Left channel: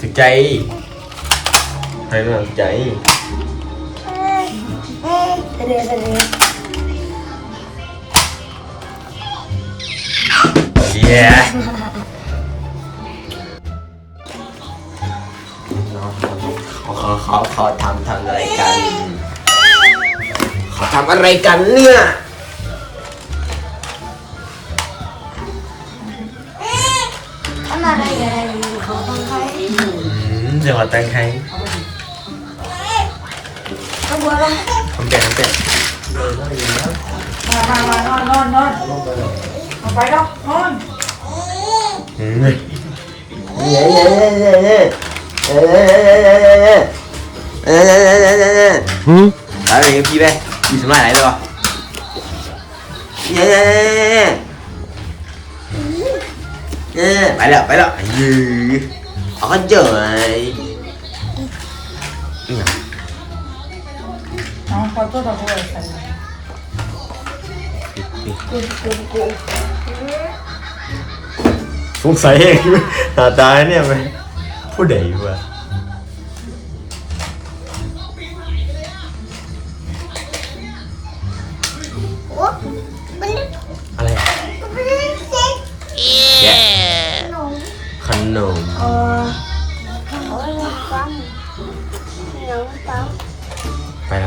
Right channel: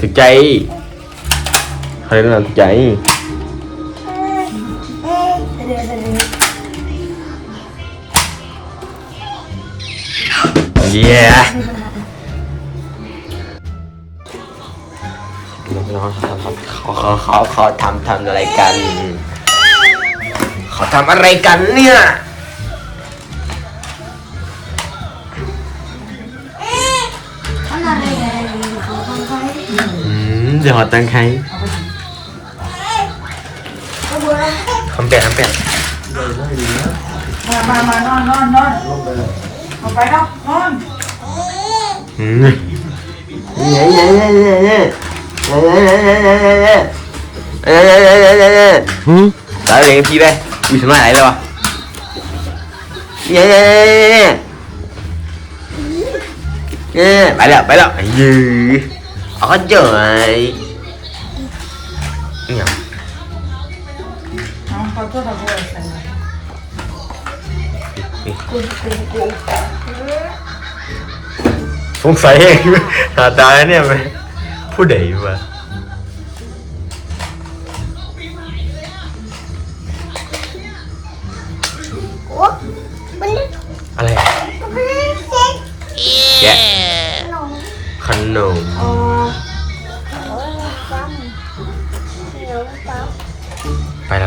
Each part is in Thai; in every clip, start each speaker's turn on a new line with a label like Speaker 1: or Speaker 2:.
Speaker 1: ถึกใจใครก็ถึกใจ
Speaker 2: เดี๋ยวเดี๋ยว
Speaker 1: เย้เขาเขาเขาเขาทำทำอะไรกัน เขาทำอะไรกันเนี่ย มเดี๋ยวขอตังใคร
Speaker 2: เขำ
Speaker 1: แก่คำแก่
Speaker 3: มามามานอนนอนนอนเอาไปแล้วนอน
Speaker 1: อืมเย้เย้เย้เย้เย้เย้เย้เย้เย้เย้เย้เย้เย้เย้หืมตายเลยพี่ไปอยู่สมัยไหนเลยวะเย้เย้เย้เย้เย้ไปแล้วไปแล้วยื้อ
Speaker 3: Ojo ấy Nhầm ส
Speaker 1: งสัยเองหาตายเนี่ยไหมผู้ใดวะ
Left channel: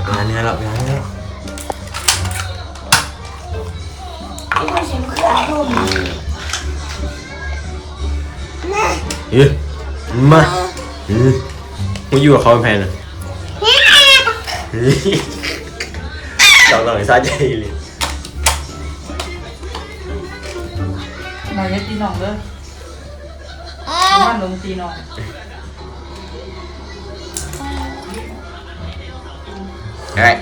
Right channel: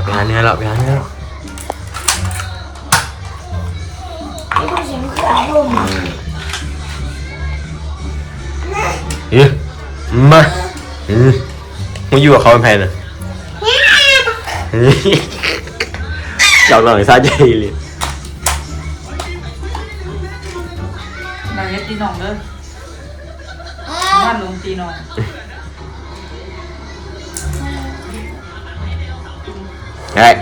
Speaker 1: ไป
Speaker 2: หา
Speaker 1: น
Speaker 2: นี้
Speaker 1: อแล้วไปหานนี้อล้
Speaker 2: องเฮ้ยมเอ๊มา
Speaker 1: เอ๊ะมึอยู่กับเขาเป็นแพนอะเจ้าหน่อยซาใจเลย
Speaker 3: หน่อยตีหนองเลยว่าหนุ่ตีนอง
Speaker 1: เฮ้ย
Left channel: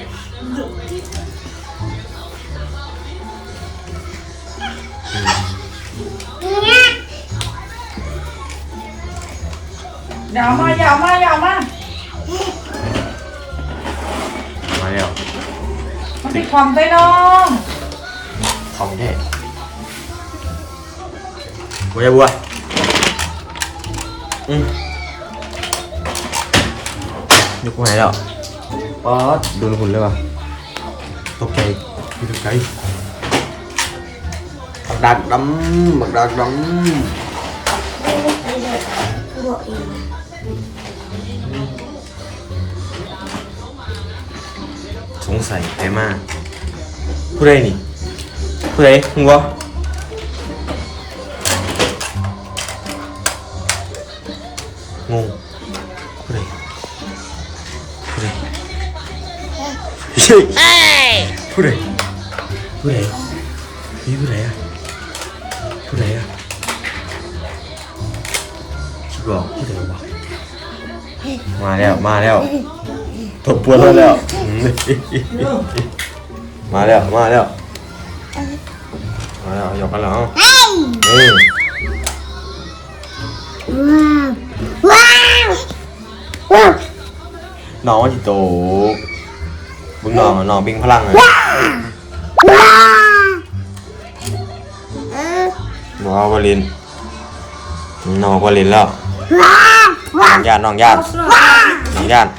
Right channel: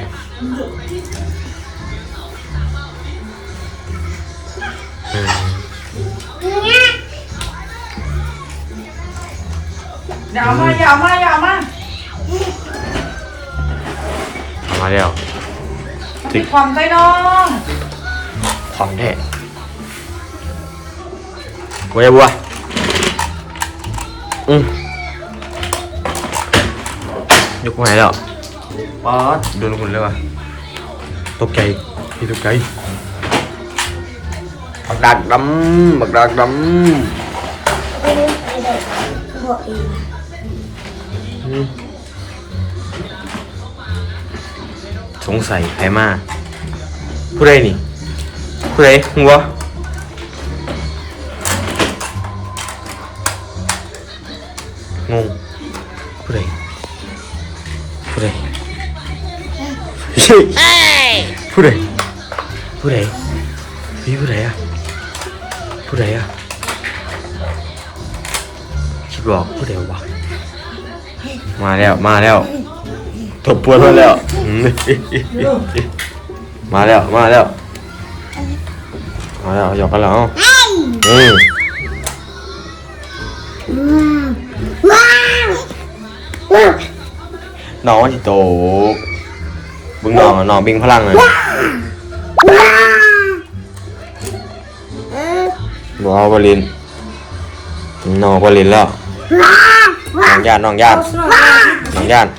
Speaker 1: อืม
Speaker 3: อย่าเอามาอย่าเอามาอย่าเอามา
Speaker 1: มาแล้ว
Speaker 3: ติดความไปน้อง
Speaker 1: ของแท้บัวบัวอืมยกมาให้แล้ว ป๊อดโดนหุ่นเลยว่ะตกใจพี่ตกใจบักดักดำบักดักดำสงสัยใครมาผู้ใดนี่ผู้ใดหัวงง ผู้ใดผู้ใดนี่ผู้ใดอะผู้ใดอะคิดบอกผู้ใดวะมาแล้วมาแล้วตบปวดมาแล้วอืมมาแล้วมาแล้วมาแล้วหยอกกันแล้วอืม
Speaker 2: ว้าวว้าว
Speaker 1: น้องที่โต บึงน้องน้องบิงพลังเลย
Speaker 2: ว้าวเออ
Speaker 1: บอกเอาบอลินน้องบอลินแล้ว
Speaker 2: ว้าว
Speaker 1: น้องญาติน้องญาติน้องญาติ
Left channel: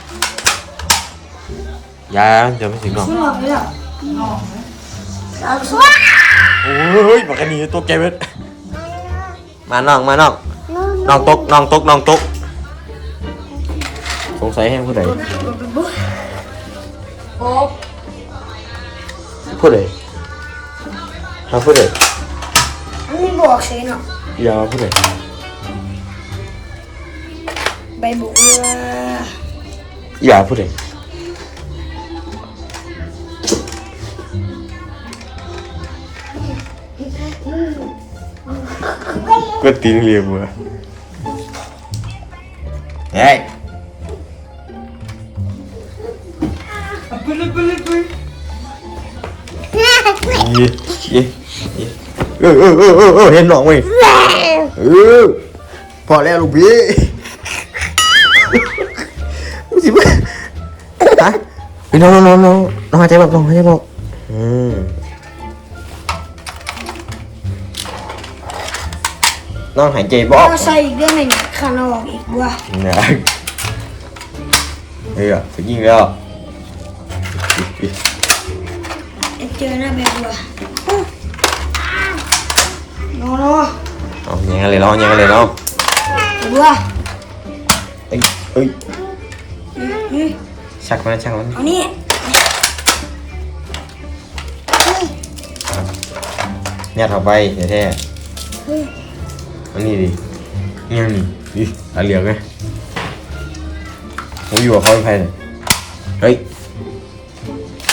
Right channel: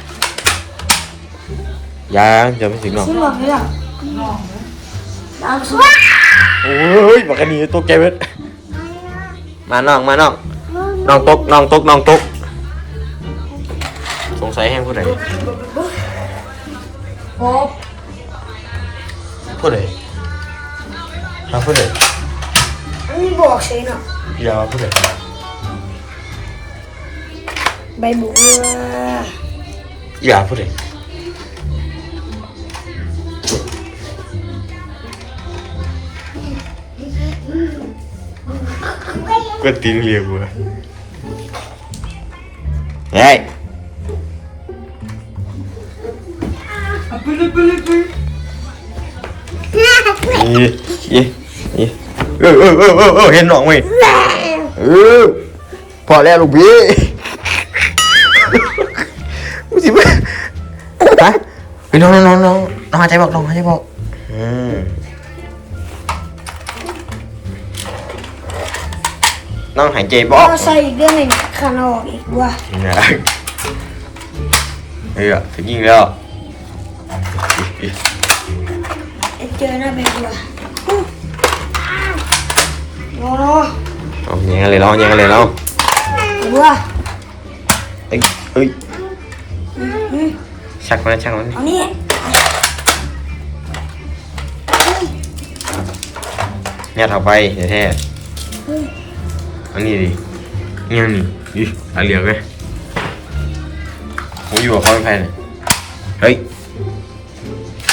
Speaker 1: ยายเดี๋ยวไม่ถึงน้อง
Speaker 2: ที่หมดเลยอะว้าว
Speaker 1: โอ้ยบอกกันนี้ตกใจเว้ยมาน้องมาน้องน้องตกน้องตกน้องตกสงสัยแห้งผู้ใด
Speaker 3: คร
Speaker 1: บพูดเลยมาพูดเลย
Speaker 2: อันนี้บอกเฉยเนาะ
Speaker 1: อย่าพูดเลย
Speaker 2: ใบบุกเรือ
Speaker 1: อย่าพูดเลยก็ติ้งเรียบเล
Speaker 3: ยไง
Speaker 1: นี่นี่เออเออเออเออเออเห็นหนองไหมเออพอแล้วลูกพี่มึงสิมาฮะไปนอนนองนนองนนองนนอนหายใจบอกน้อนหายใจบอกอืมน้องหายใจบออก
Speaker 2: เอาใส่อีกเรื่องหนึ่งขานออกอีกว่ะ
Speaker 1: นะเฮ้ยอะถึงยิงแล้ว
Speaker 2: เจอหน้าแบบว่ะโอ้โห
Speaker 1: เอาแยังไงเลยเนาะแยังไงเลยเนาะ
Speaker 2: ว่ะ
Speaker 1: เอ้ยเอ้ย
Speaker 2: อืม
Speaker 1: ชักมันชักมัน
Speaker 2: เอานี่
Speaker 1: ยัดเข้าไปเดี๋ยวแท้อันนี้ดิเงี้ยนี่ดิตาเหลือกไหมผมอยู่กับเขาเป็นใครเนี่ยเฮ้ย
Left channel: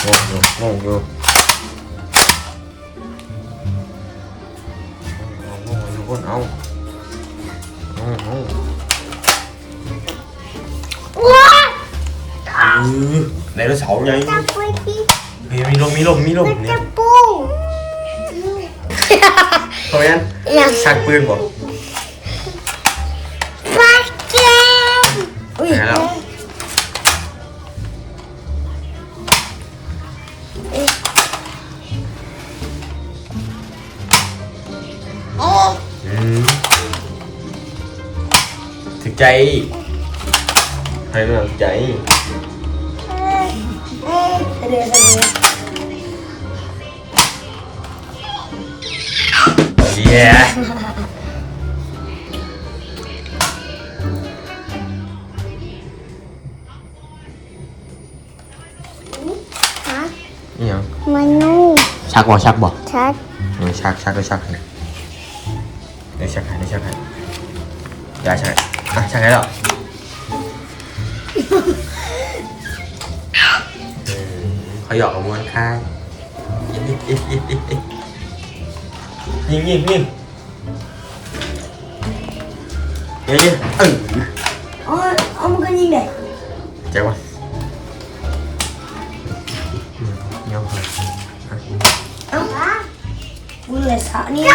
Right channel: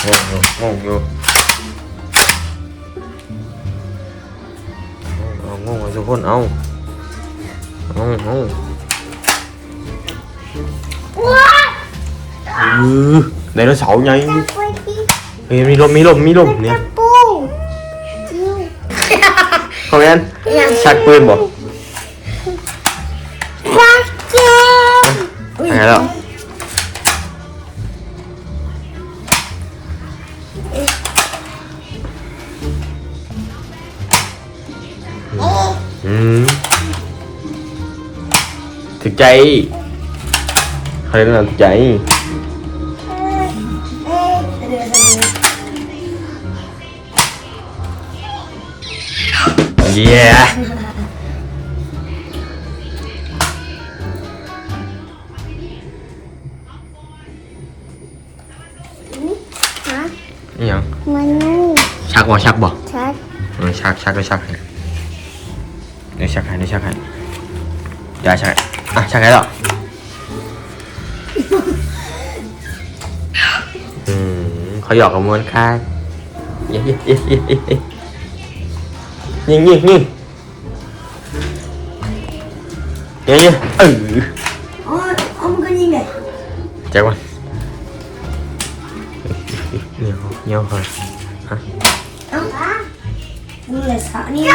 Speaker 1: โง่โง่โง่โง่ คนเอาเอาเอา
Speaker 2: ว้า
Speaker 1: เออไดโนเสาร์ไง
Speaker 2: จับไว้ที่
Speaker 1: เฮ้ยมีลมมีลมมีลมเนี่ย
Speaker 2: ปู
Speaker 1: คอมเมนต์
Speaker 2: อย่าง
Speaker 1: ชักปืนบ่
Speaker 2: ฟักเกม
Speaker 1: หายแล้ว ถึกใจใครก็ถึกใจ
Speaker 2: เดี๋ยวเดี๋ยว
Speaker 1: เย้
Speaker 2: ฮะ
Speaker 1: นี่ยัง
Speaker 2: มั นนู่
Speaker 1: ชักบ่ชักบ่
Speaker 2: ชัด
Speaker 1: เออชักชักก็ชักให้เยวชักให้เยวชักให้อย่าชักให้อะชักให้แล้วอืมเขาหยอกกับมวนข้างเย้เย้เย้เย้เย้เย้นี่นี่นี่เย้เย้เออ
Speaker 2: อ๋อเอามันก็ยิงเลย
Speaker 1: แจ็ควันเงี้ยวเงี้ยวก่อนฮะ
Speaker 2: เอ้ามึงเลยสานี่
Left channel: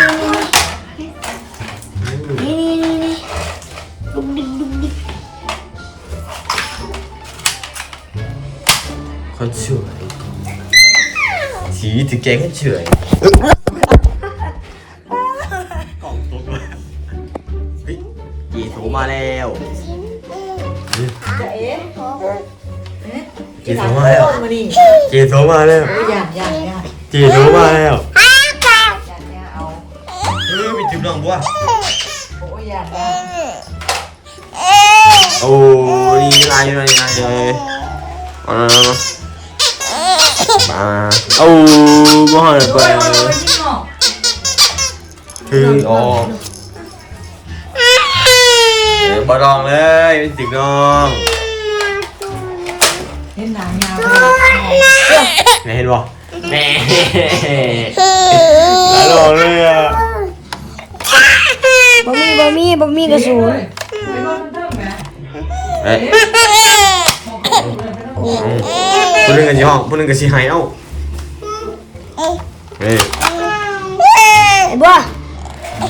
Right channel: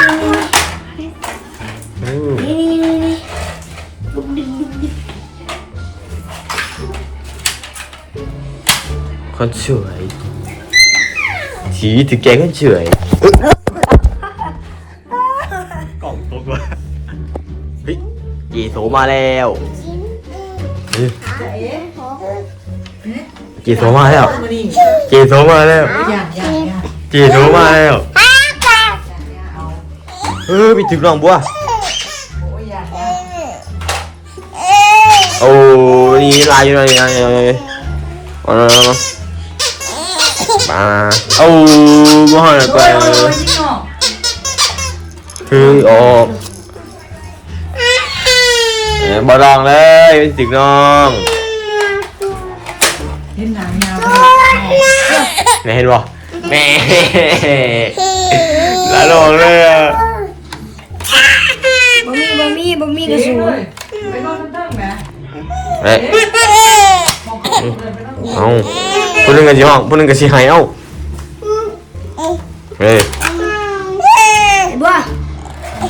Speaker 1: อืม
Speaker 2: นี่นี่นี่
Speaker 1: คนสวยสีถึงใจคนสวยกล่องตกว่ะเฮ้ยเยโสมาแล้วเฮ้ย
Speaker 3: จ
Speaker 1: โสมาแล้ว
Speaker 3: มานี่
Speaker 1: เยโสมาแล้ว
Speaker 3: ย่างย่างย่าง
Speaker 1: เยโสมาแล้ว
Speaker 3: เอ
Speaker 1: ออมีถึงน้องบัว
Speaker 3: โอ้ยย่าย
Speaker 1: อยลายอยู่ลายอยู่ลาย อยู่ลายอยู่เอาเอาเอามาเอาบ่ให้ไป
Speaker 3: โอ้ยโอ้ยโอ้ยยิ่งออก
Speaker 1: เฮ้ยออกแหมบ่ลองเลยเป็นตึกน้อง
Speaker 3: เห็นหนังยาวไป
Speaker 1: แม่เห็นบ่แม่ละลองเลยอะ
Speaker 2: บ่มีบ่มีบ่มีกระสุน
Speaker 3: ไปนอนเทิงไหม
Speaker 1: เฮ้ย
Speaker 3: มอง เข้าเลยไปนอน
Speaker 1: เอาผู้หนึงก็สิห้องผู้หนึงก็สิให้เอาเฮ้ย